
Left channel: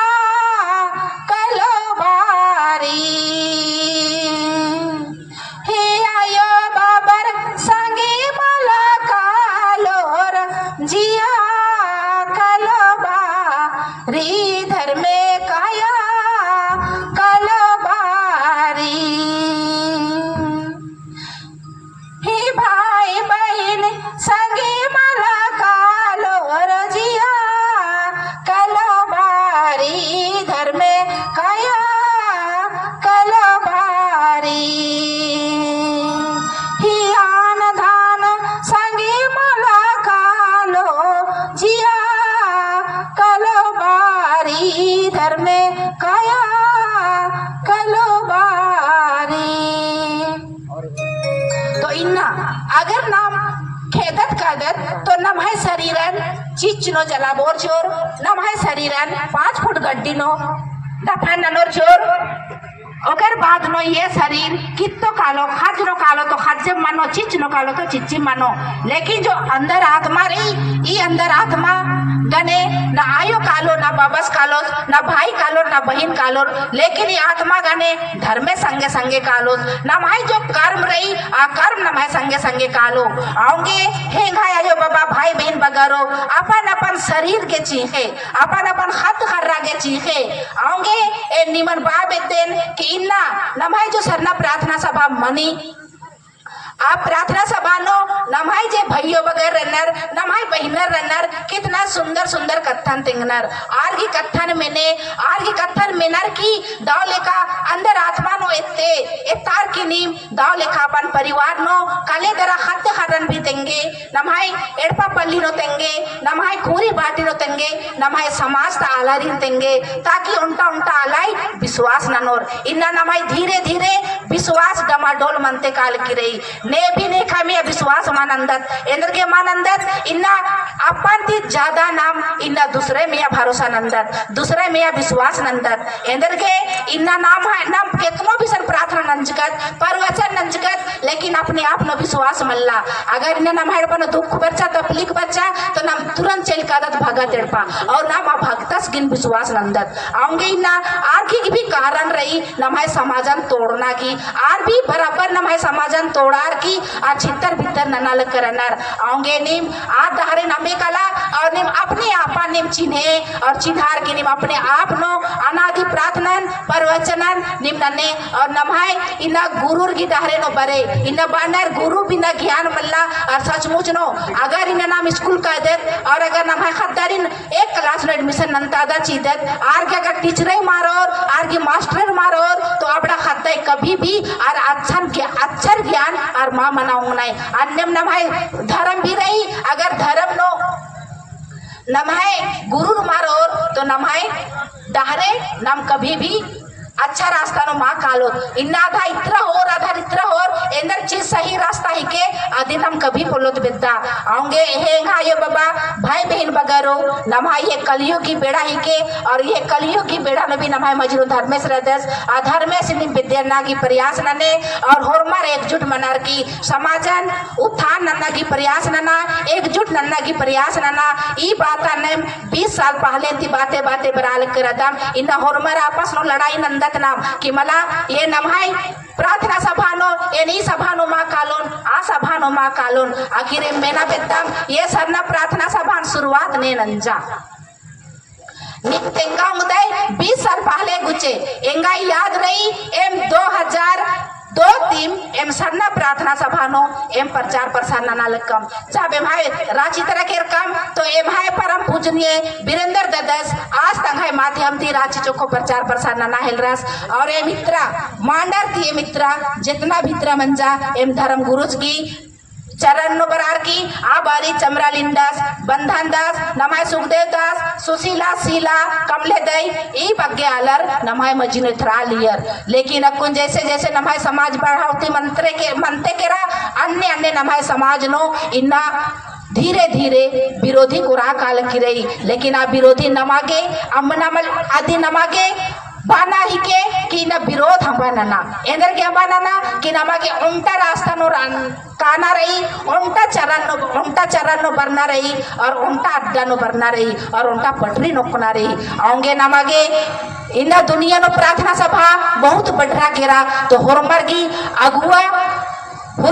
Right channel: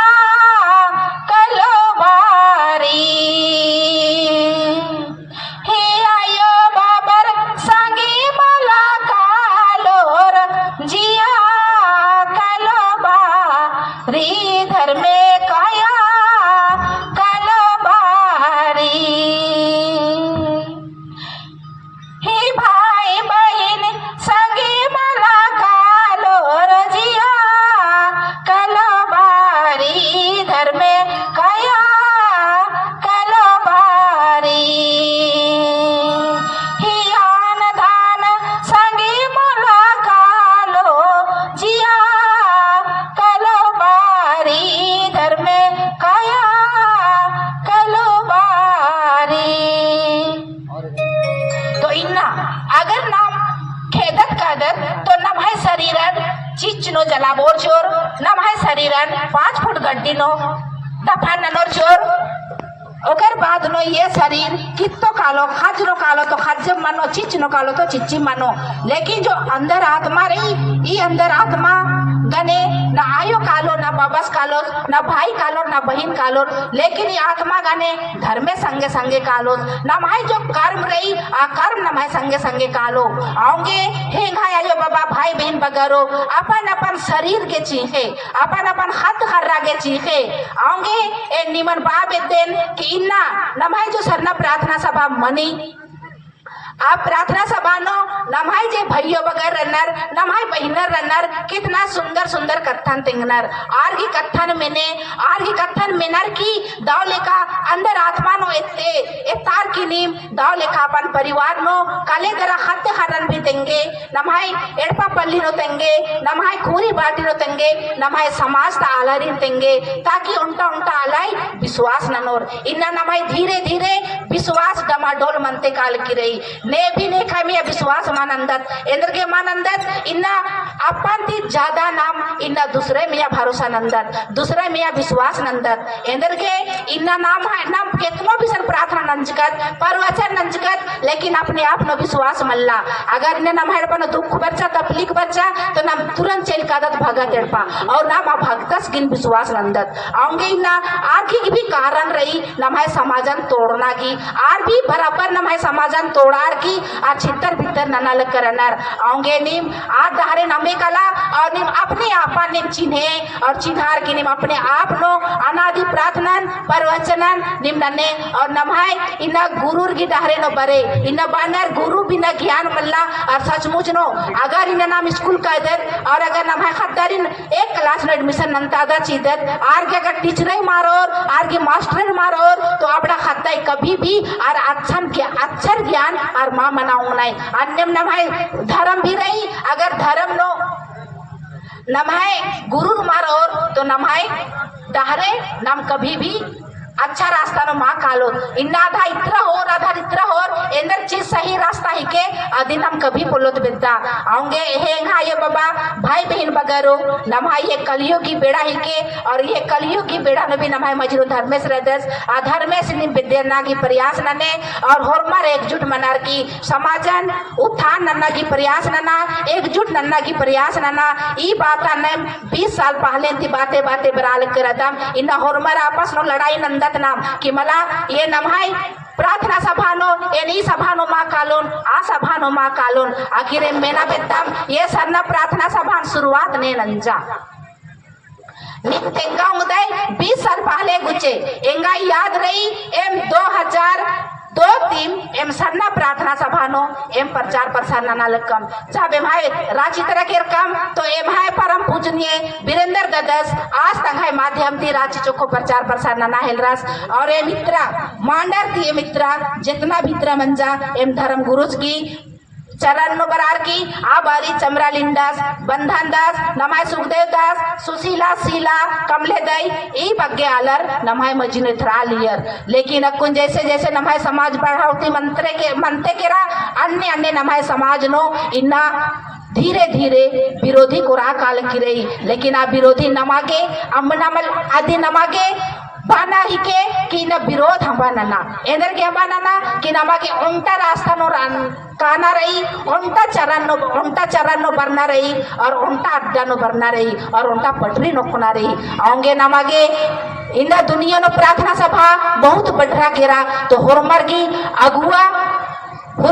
चिचनो जलाबोर चोर नम है शरीरन 5 फुट गड्डी नो दफा ननोर चोर ओकर बाद नो ये शरीर कितो कालो खाजरो कालो तो खाज मानो चिचनो कालो तो चिच्ची मानो लेकिन जो अंदर आत्मा रही ये अंदर आत्मा गने ना आयो कालो ना बाबस कालो ना भाई कालो ना बहन कालो लेकिन ये आत्मा गने धर्मे संगे संगे कालो ना माई जो कर्म रही आ कर्म ना माई संगे संगे कालो आऊंगे हे भाई आयो बाबा भाई बहन बगरो अपन अपन शरीर के चीखे अपन अपन हाथ खर्रा के चीखे आऊंगे ए निमन बाप दिन कि इन्ना नमाई जो सरना प्रार्थना सभा मनी आप प्रार्थना सभा नो नमाई जे भैयो वगैरह रनर नमाई बहिनर रनर कितना सुंदर सुंदर कथन तिंगनर आर की कथन मिनर की दाव लेका अंदर आत्मा नो इत्ते इतार की नीम दाव लेका अपन परिवार नो काले दरा हत्ते हरन भी तेंगे नमाई एड़पा पल्ली नो तेंगे नमाई खूरी बाटी नो तेंगे नमाई समाज ता आलारी तेंगे ताकि उनटा उनटा आलाई विश्वास ननोर इन्ना नमाई धीरे धीरे विश्वास डमाडोल मनते काल की रही ने भी ने खामी विश्वास मानंदत इंद्र के मानंदत इन्ना अपन ती ज्यादा नाम इन्ना दूसरे में भरोसा नंदत दूसरे में विश्वास नंदत इंद्र के इन्ना नाम है नाम कितनो भी सन प्रार्थना नंजकत परवचन नंजकत लेकिन अपने आप न विश्वास मल्ला अगर इन्ना नाम है बन दुख बच्चा तकलीफ बच्चा तो नाम तुरंत चल कादत भगत एड़पा और नाम भक्तस गिन विश्वास नंदत आऊंगे इन्ना आर की भी कारण रही नमाय समाजन तोड़ना की आर भी बराबर नमाय समाजन तोड़ार की आर छितर भीतर ननाल करनर आऊंगे निम आर दहरे नमे कला और निम अपने आपा निम चिन्हे और चिन्हार की निम अपने आप नो अनादि प्रार्थनन परवचनन निम नने और नमाय इन्ना गुरुर की दहरे नो बरे इन्ना बानर गुरु बिना ज्ञान मल्ला और सचमुच नो अगर इन्ना नाम स्कूल कह दे और अगर नमाय खद्दारिन एक क्लास में एडमिशन नंतादा चीदत आर के अगर टीचर मारोर आर के मास्टर मारोर तो अपना खत्ता कभी भी और अक्षर ज्ञान और माँ मनाऊंग नहीं अन्यम नमाय धर्म भी रही अगर धर्म नो नमाय गुरु मारोर तो नमाय दहरे नम कभी भी अच्छा रास्ता नो माँ कालो इन्ना आधा इतना हो इंदर चीज सही रास्ता ही के आदि हम कभी बोलोत बिद्दा आऊंगे ये बाबा भाई बहन बगरो नमाई ये कलियों की बेड़ा ही के और ये कलियों की बेड़ा न भी नमाई मजरू धर्मेश रदस अधर्मेश नि विद्या की प्रयास नने और होरमार एकजुट मनार की समाजन उत्थान नन्ना की प्रयास नना एकजुट नन्ना की प्रयास नना ई बात ने 20 साल पहले थी बातें बराल करदम इन्ना होरमार आपस नो लड़ाई नंदत नाम कि मला ये नमाई प्रार्थना सभानो एनी सभानो मा कालोन आ सभानो मा कालोन आखिर मेना बेतम ये सरना प्रार्थना सभा शुरुआत ने नंजा नित्य उदय 20 साल पहले गुचे एंगा याद रही एम 2002-3 एम सरना प्रार्थना सभानो एम प्रचार प्रसार नाना लकम जब एम है रांची तरह के रकम तो एम है परम पूजनीय वीरेंद्र ददस आज तक है माध्यम थी रांची चोखो प्रचार प्रसार नाना हेलरस और ए मित्रा मांडर थी मित्रा जितना भित्रा मंजा एम धर्म गुरुज की चरण नो बरार की आ बारी चमरा लिंदास बंधन दास नमाय सुखदेव दास सुशीला शीला कमले दई ई बग्गे आलर नमाय मजिन थरा लियर लेकिन अकुन जैसे जैसे नमाय समाज बढ़ावती मनते केरा अन्य अन्य नमाय समाज नो इन्ना धीरे धीरे विरोधी को राह काल की रही लेकिन आ विरोधी नमागे अम्मनमल आदि नमागे बाना ही के कि न विरोध हम बनना एंदर के बनना कि नमागे उल्टा रास्ता नो काना रही उल्टा चरण नो बरना रही और उल्टा अड्डा नो बरना रही और उल्टा पटरी नोकना रही आऊंगे नमागे इन्ना दुनिया नो प्रार्थना सभा बहुत बढ़ा केरा तो होरमर की अगुआ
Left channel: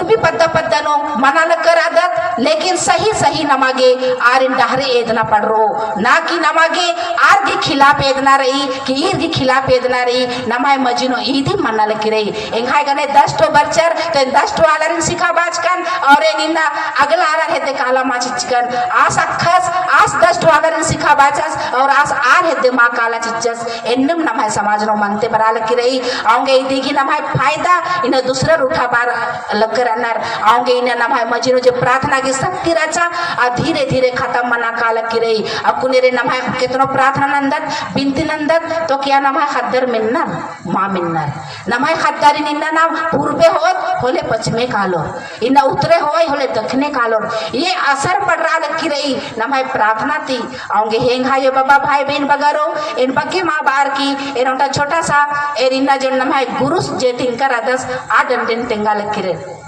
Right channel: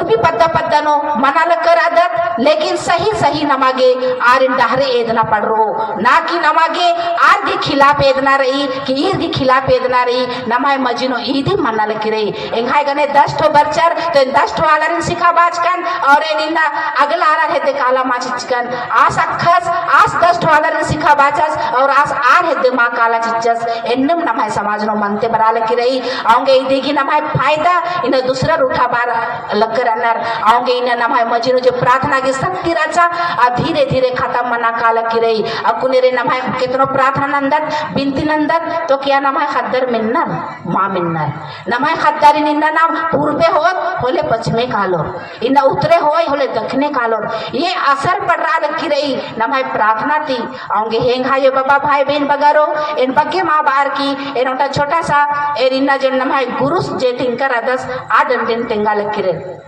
भी पद्दा नो मनाल कर आदत लेकिन सही नमागे आर इन डहरे एदना पड़ रो ना कि नमागे आर के खिलाफ एदना रही कि ईर के खिलाफ एदना रही नमाय मजिनो ईदी मनाल की रही एंगाय गने 10 ठो बच्चर तो 10 ठो आलर सिखा बाजकन और इन्ना अगला आलर हेदे काला माचिचकन आस अखस आस 10 ठो आलर सिखा बाजस और आस आर हेदे मा काला चिचस एन्नम नमाय समाज नो मनते बराल की रही आऊंगे ई देखी नमाय फायदा इन दूसरा रूठा बार करनर आऊंगे इन्हें नमाय मजिनो जो प्रार्थना की शक्ति रचा आ धीरे धीरे खत्म मना काल की रही अब कुनेरे नमाय कितनो प्रार्थना नंदत बिनती नंदत तो क्या नमाय खद्दर मिन्नर माँ मिन्नर नमाय खद्दारी निन्ना नाम पूर्वे होत होले पश्चिमे कालो इन्ना उतरे होले दक्षिणे कालो ये असर पड़ रहा की रही नमाय प्रार्थना थी आऊंगे हेंगा ये बाबा भाई बहन बगारो इन बग्गे माँ बार की इन छोटा सा इन्ना जो नमाय गुरु जे तिनकर आदस आदन दिन तेंगा लग की रही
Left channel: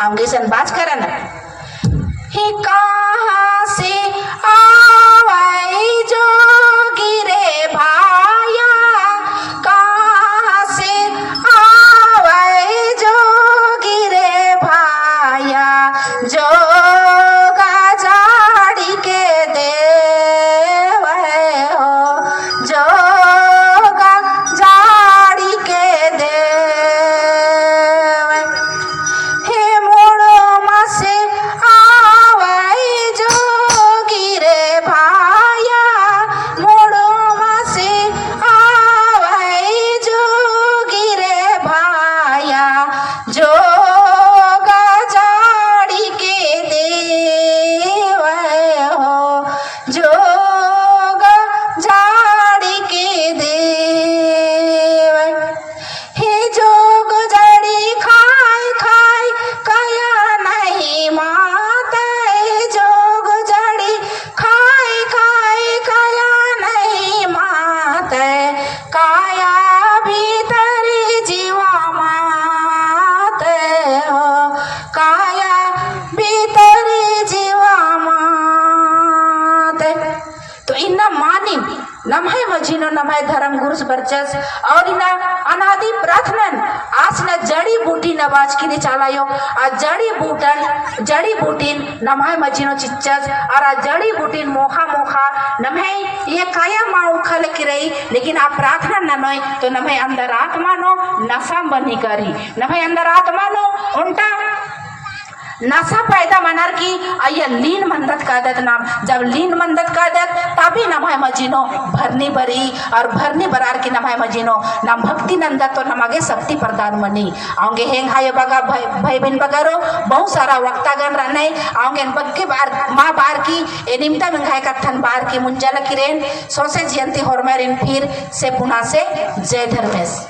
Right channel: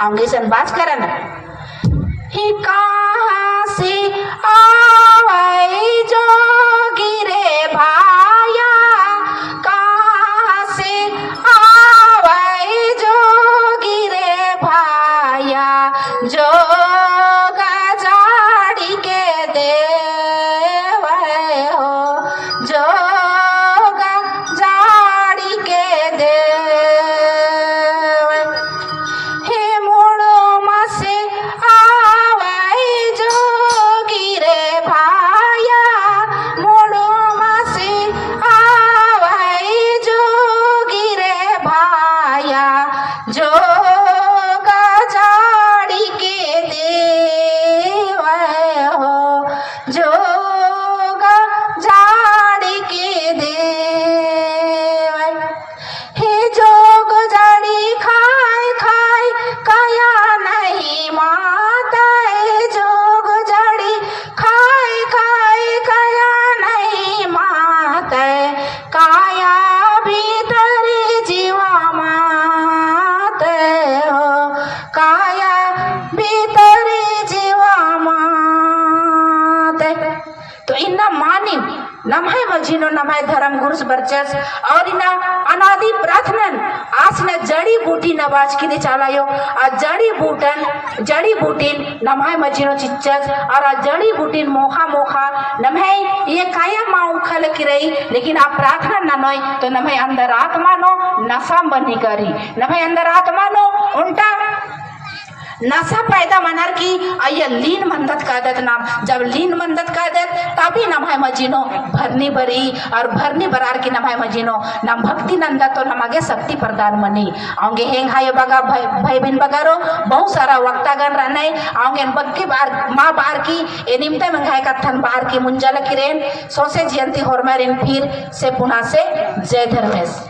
आऊंगे सन बात करन ही कहाँ से आवाई जो गिरे भाया कहाँ से आवाई जो गिरे भाया जो गाजा नमः मजीनो नमः धर्म गुरुस बरचस और इना अनादि प्रार्थनन आस न जड़ी बूटी नवाज की चालायो आ जड़ी बूटीन नमः मजीनो चिच्चस और आ जड़ी बूटीन मोखा मोखा नमः ये काया माँ उखल की रही लेकिन आप प्रार्थना न नोय तो नमः अंदर आत्मा नो नशा बनी करी नमः अंदर आत्मा नो उल्टा नशा पैदा मनर की आया लीन मंदत कादत नाम जब लीन मंदत कादत तभी नमः मजीनो भरनी बरी और भरनी बरार की नमः मजीनो नम भक्ति नंदत तो नमगे शक्ति प्रदान मनी आऊंगे हेंग हाय बगा भाई बिन बगारो बहुत सारा वक्तागन रहने आऊंगे बक्के बार माँ बार की ए निमता मंगाए कथन बार की मुंजल किरेन सोसे जयंती होरमेरिन फिर से पुना से जय धर्मेश।